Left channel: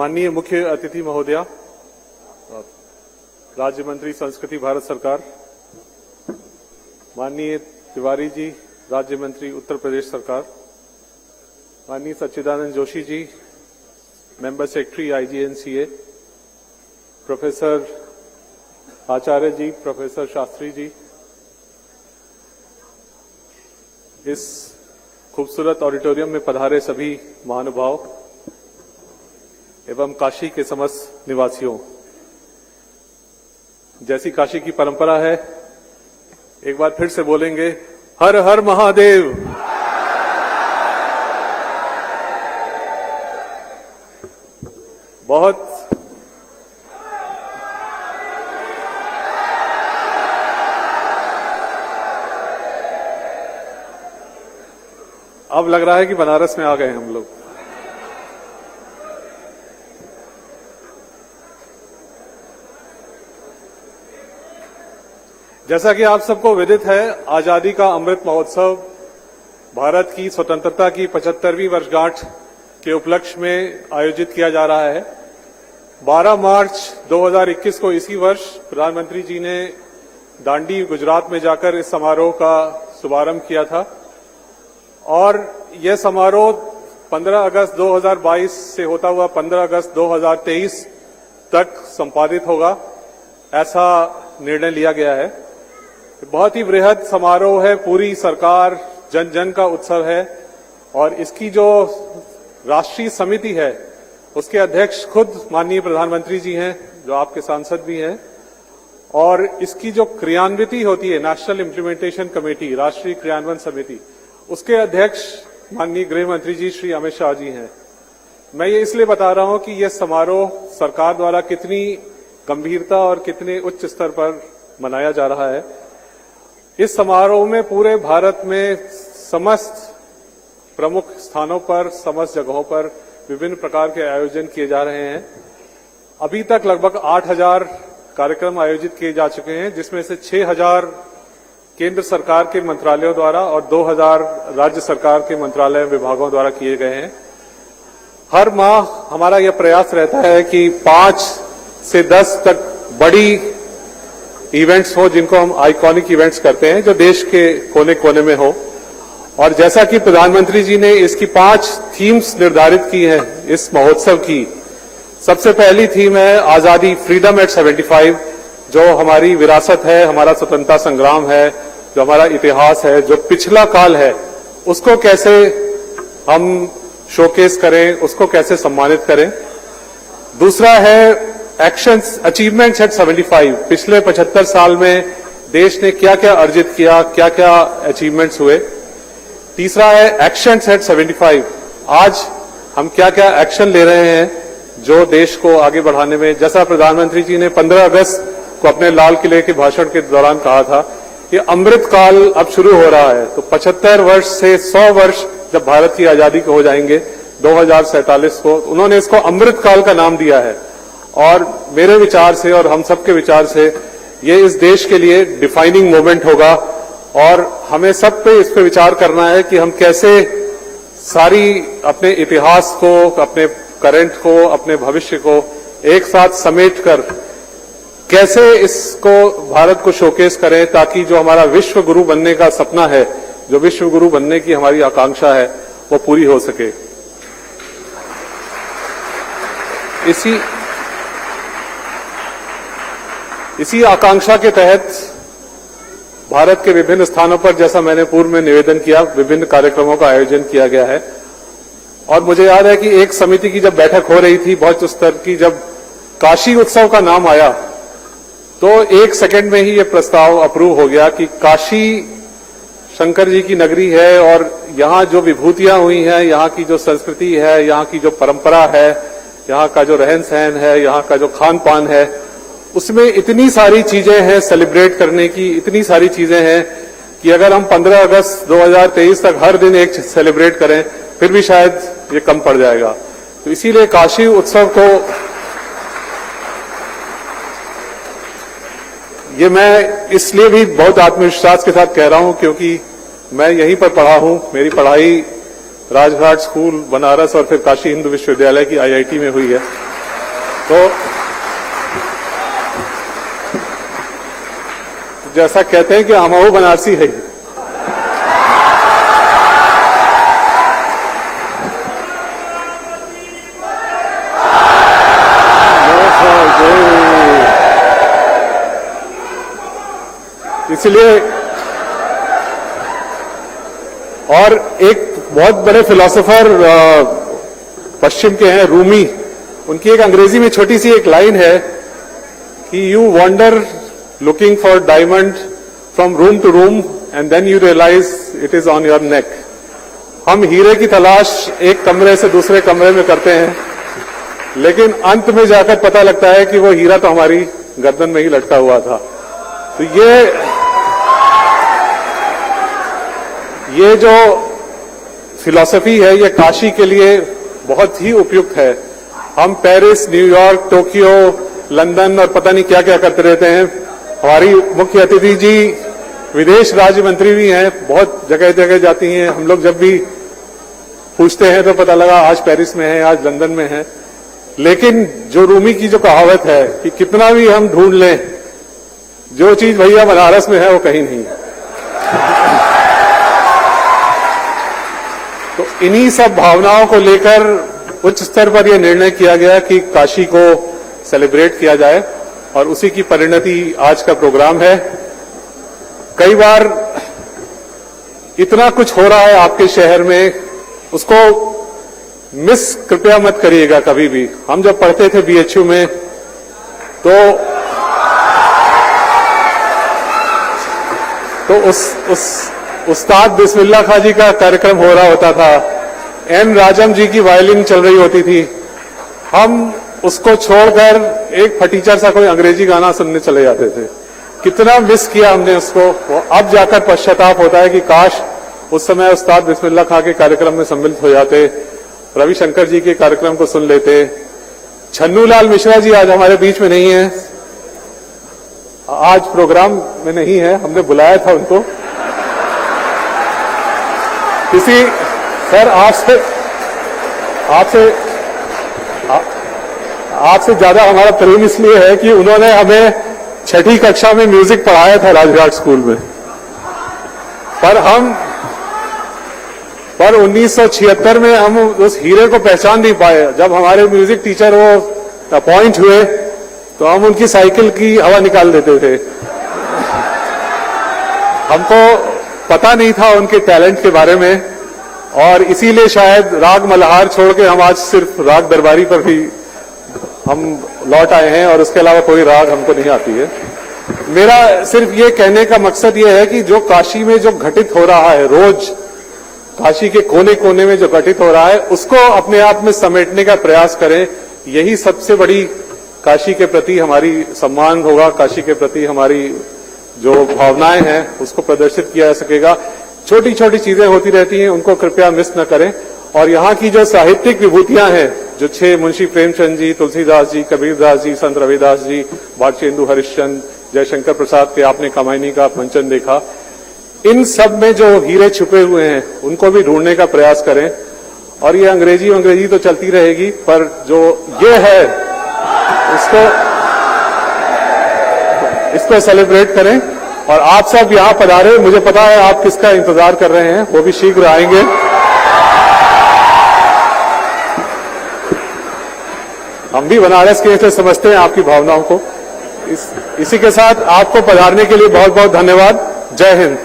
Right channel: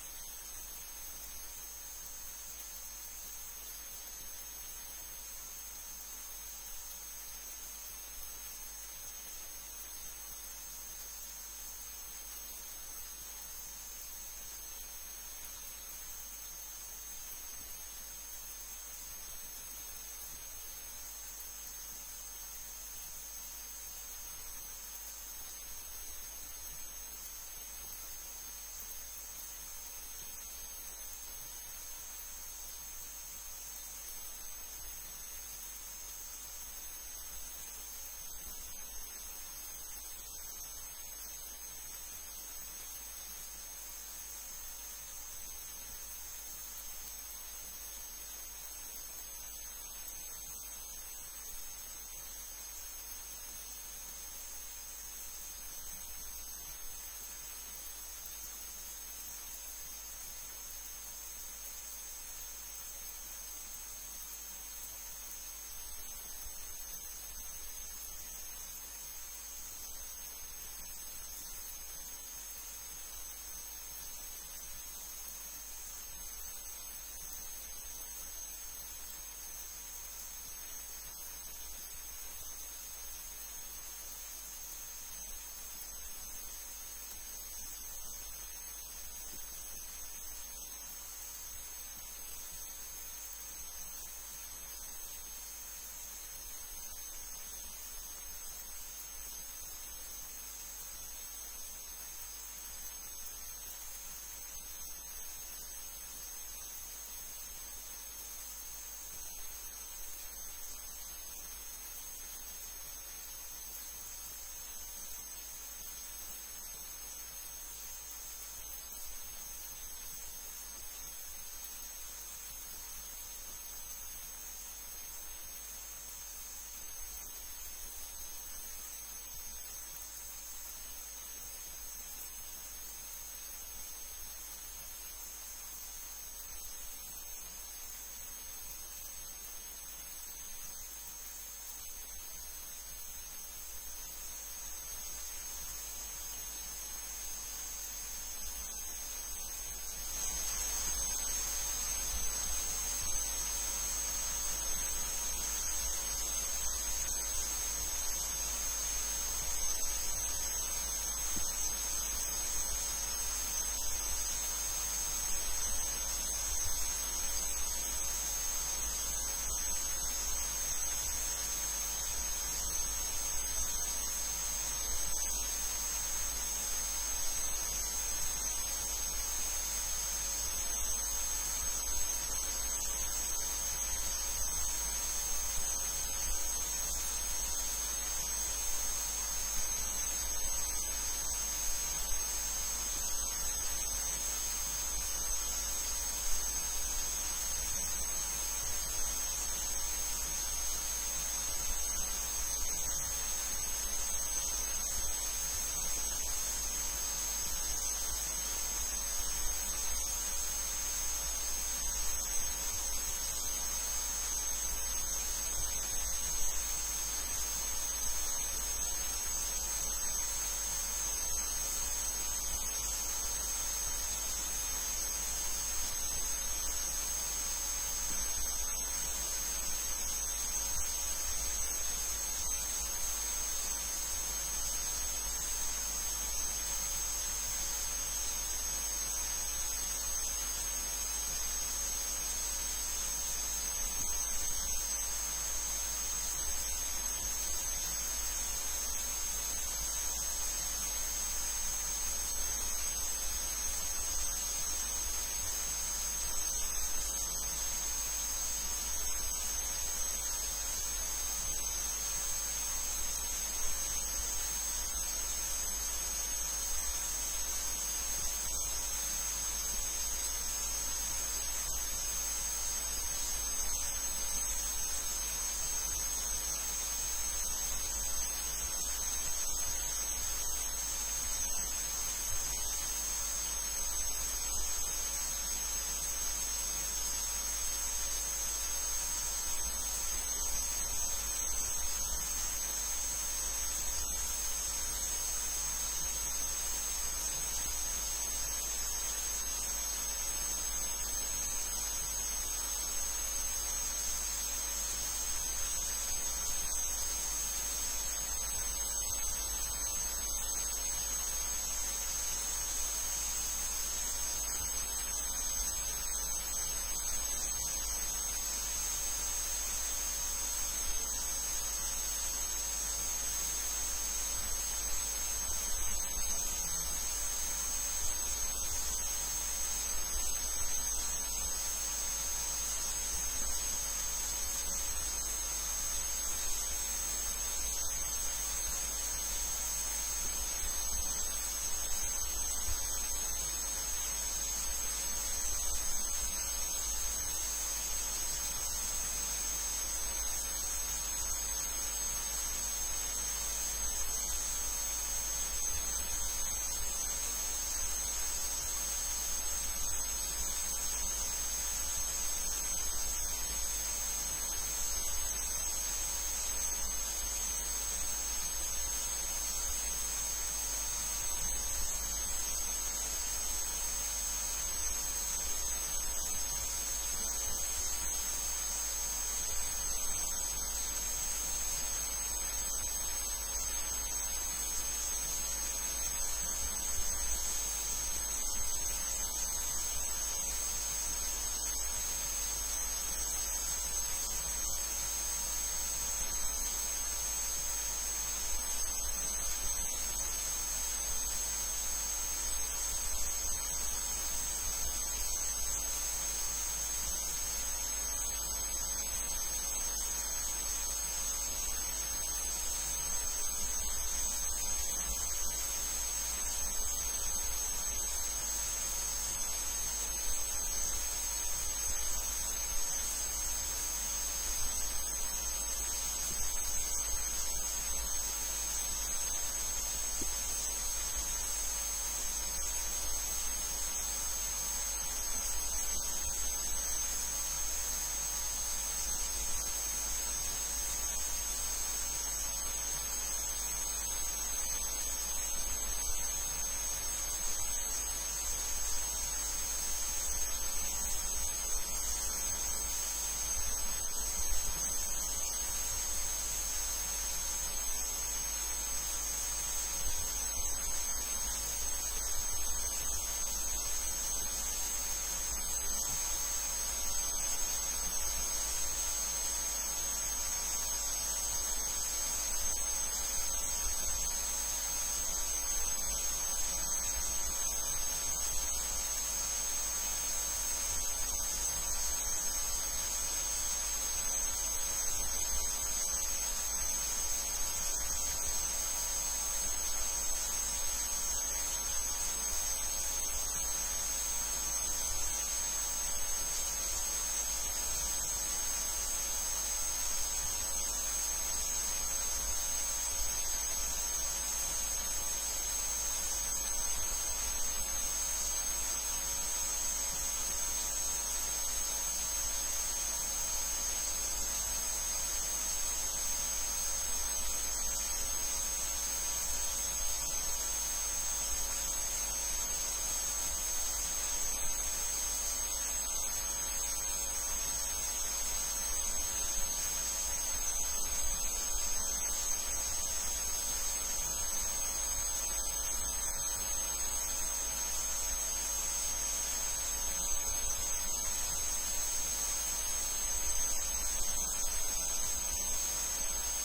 माननीय मुख्य अतिथि महोदया, राज्य मंत्री संस्कृति भारत सरकार, माननीय तिवारी जी, राज्य मंत्री उत्तर प्रदेश सरकार, माननीय सच्चिदानंद Joshi ji, member secretary IGNCA, professor आचार्य जी, प्रोफेसर शास्त्री जी, इस खूबसूरत ऑडिटोरियम में पधारे सभी महानुभाव एवं काशी के समस्त निवासियों, जैसी काशी की परंपरा है, एक बार फिर से बोलेंगे, हर हर महादेव। बहुत अब लग रहा है कि बनारस में आ गए हम लोग। जैसा कि आप सबको विदित है, आजादी का अमृत महोत्सव भारत की स्वतंत्रता की 75वीं वर्षगांठ के उपलक्ष्य में आयोजित किया जा रहा है। 12 मार्च 2021 को इसी वर्ष प्रधानमंत्री जी ने दांडी गुजरात में जाकर इस समारोह का शुभारंभ किया था और यह समारोह 15 अगस्त 2022 से होता हुआ 15 अगस्त 2023 तक संपादित होगा, ऐसा निर्णय लिया गया है। बहुत ही बृहद समारोह है, पूरी सरकार जन जन का उत्सव है और इसकी जो राष्ट्रीय समिति है उसके अध्यक्ष खुद माननीय प्रधानमंत्री जी हैं, जो आपके सांसद भी हैं, और इसकी जो क्रियान्विति होती है, नेशनल इम्प्लीमेंटेशन कमेटी, राष्ट्रीय क्रियान्वयन समिति, उसके अध्यक्ष माननीय गृह मंत्री जी श्री अमित शाह जी हैं। मैं ये इसलिए बता रहा हूं कि यह समारोह सरकार द्वारा कितनी गंभीरता और कितने उच्च स्तर पर मनाया जा रहा है। इस समारोह में पूरे भारत में समस्त प्रमुख स्थानों पर, समस्त जगहों पर विभिन्न प्रकार के आयोजन किए जा रहे हैं। अभी तक लगभग 8000 कार्यक्रम आयोजित किए जा चुके हैं, जिसमें से 6000 केंद्र सरकार के मंत्रालयों द्वारा और 2000 राज्य सरकार के मंत्रालय विभागों द्वारा किए गए हैं। हर माह हमारा यह प्रयास रहता है कि 5 से 10 तक बड़ी इवेंट्स हो, जिनको हम आइकॉनिक इवेंट्स करते हैं, जो देश के कोने कोने में हो। और जैसा कि प्रधानमंत्री जी ने इसकी 5 थीम्स निर्धारित की हैं इस महोत्सव की, सबसे पहली थीम है आजादी, फ्रीडम एट 75, जो हमारी विरासत है, हमारा स्वतंत्रता संग्राम है, जो हमारा इतिहास है, जो पिछला काल है, उसको कैसे हम शोकेस करें, उसको कैसे सम्मानित करें। दूसरा है एक्शंस, अचीवमेंट्स एट 75, पिछले 75 साल में देश ने क्या क्या अर्जित किया, क्या क्या अचीवमेंट्स हुए। तीसरा है एक्शंस एट 75, आज हम क्या क्या एक्शन ले रहे हैं जो देश को आगे बढ़ाने में, जैसा प्रधानमंत्री जी ने 15 अगस्त को अपने लाल किले के भाषण के दौरान कहा था कि अमृत काल अब शुरू हो रहा है, तो 75 वर्ष से 100 वर्ष जब भारत की आजादी को हो जाएंगे 2047 को, उन्होंने इसको अमृत काल का नाम दिया है। और मेरे विचार से और हम सबके विचार से ये इस देश के लिए डिफाइनिंग मोमेंट होगा और हमें सब पे इस पे विचार करना है कि हम कैसे सारी अपने इतिहास को, अपने करंट को, अपने भविष्य को एक साथ समेट कर कैसे इसको भारत को शोकेस करें, ताकि जो हमारा विश्व गुरु बनने का सपना है, जो विश्व गुरु बनने की हमारी आकांक्षा है, वो पूरी हो सके। इसी आकांक्षा के तहत भारत के विभिन्न स्थानों पर, जैसा मैंने पूर्व में निवेदन किया, विभिन्न कार्यक्रमों का आयोजन किया गया है। और मुझे याद है कि एक समिति की जब बैठक हो रही थी बहुत उच्च स्तर की, जब काशी उत्सव का नाम आया तो 1 सेकंड में ही ये प्रस्ताव अप्रूव हो गया कि काशी शंकर जी की नगरी है और यहाँ जो विभूतियां हुई हैं, यहाँ की जो संस्कृति है, यहाँ की जो परंपरा है, यहाँ का जो रहन सहन है, यहाँ का जो खान पान है, उसमें इतनी सारी चीजें हैं सेलिब्रेट करने की, इतनी सारी चीजें हैं कि अगर हम 15 अगस्त 2023 तक हर दिन एक सेलिब्रेट करें फिर भी शायद ये कम पड़ जाएगा। तो इसीलिए काशी उत्सव को ये मैं इसलिए भी बहुत आत्मविश्वास के साथ कह रहा हूं क्योंकि मैं यहीं पर पढ़ा हूं। मेरी पढ़ाई राजघाट स्कूल बनारस और फिर काशी हिंदू विश्वविद्यालय की IIT में हुई है। तो जैसा कहते हैं कि हमहू बनारसी है। इसलिए और एक बहुत बड़े फिलोसोफर पश्चिम के हैं, रूमी, उनकी एक अंग्रेजी में छोटी सी एक लाइन है कि you wander looking for diamond from room to room and then you realize it is on your neck. हम हीरे की तलाश एक कमरे से दूसरे कमरे में करते हैं, लेकिन अंत में जाकर पता लगता है कि वो हीरा तो हमारी गर्दन में ही लटका हुआ था। तो ये जो फिलॉसफी है ये काशी के लिए बहुत ही उपयुक्त है। हम पेरिस, न्यूयॉर्क, टोक्यो, लंदन और पता नहीं क्या क्या करते रहते हैं। हमारी मुख्य अतिथि जी विदेश राज्य मंत्री भी हैं, बहुत जगह जगह जाती हैं। हम लोग जब भी पूछते हैं तो पता लगा आज पेरिस में है, आज लंदन में है। लेकिन जो रूमी की जो कहावत है कि कितना भी हम ढूंढ लें, जो चीज भैया बनारस में है वो कहीं नहीं है। तो इन्हीं सब भावनाओं को लेकर उच्च स्तर पर यह निर्णय किया गया कि काशी को सेलिब्रेट किया जाए और उसी की परिणति आज का प्रोग्राम है। कई बार इतना कुछ हो रहा है आपके शहर में, उसको मिस कृपया मत करिएगा कभी भी। हम जब पढ़ते थे बीएचयू में तो उस उस्ताद बिस्मिल्लाह खां जी का कार्यक्रम हो रहा होता था, एन राजम जी की वायलिन चल रही होती थी। हम उसको छोड़कर एक फटीचर सा कोई अंग्रेजी गाना सुनने चले जाते थे। कितना मिस किया हमने उसको। अब जाकर पश्चाताप होता है कि काश उस समय उस्ताद बिस्मिल्लाह खां के कार्यक्रम में सम्मिलित हो जाते, रविशंकर जी के कार्यक्रम को सुन लेते। छन्नूलाल मिश्रा जी आज हमारे बीच में नहीं है, आज प्रोग्राम में नहीं है, हमने बुलाया था उनको। किसी सर आपसे ज्यादा हमारा प्रेम इसलिए है कि उन्होंने हमें छठी कक्षा में म्यूजिक पढ़ाया था राजघाट स्कूल में, पर 1976 में हम उस हीरे को पहचान नहीं पाए। जब हमारे म्यूजिक टीचर वो अपॉइंट हुए तो हम उनकी साइकिल की हवा निकाल देते थे। हमको पता नहीं था उनके टैलेंट के बारे में, और इसीलिए शायद राग मल्हार छोड़ के हम आज सिर्फ राग दरबारी पर भी हम लौट आए हैं, और उसके अलावा कोई राग हमको नहीं आती है। मेरा सिर्फ ये कहने का मकसद ये है कि जो काशी में जो घटित हो रहा है, रोज काशी के कोने कोने में जो घटित हो रहा है, उसको अपने आप में समेटने का प्रयास करें। यही सबसे बड़ी काशी के प्रति हमारी सम्मान होगा, काशी के प्रति हमारी जो भावनाएं हैं उसको प्रदर्शित किया जा सकेगा। छोटी छोटी चीजें होती रहती हैं, उनको कृपया मिस न करें। और यहाँ की जो साहित्यिक विभूतियां हैं, जो 6 मुंशी प्रेमचंद जी, तुलसीदास जी, कबीरदास जी, संत रविदास जी, भारतेंदु हरिश्चंद्र, जयशंकर प्रसाद के आपने कामायनी का मंचन देखा, इन सब में जो हीरे छुपे हुए हैं उनको भी ढूंढने का प्रयास करें। और ये अंग्रेजी तो चलती रहेगी, पर जो ये है इसको सेलिब्रेट करें। और आप सब यहाँ पधारे, मुझे पता है आप किसका इंतजार कर रहे हैं, वो भी शीघ्र आएंगे। हम भी बनारस के से समझते हैं आपकी भावनाओं को। इसी के साथ आपको पधारने के लिए बहुत बहुत धन्यवाद। जय हिंद।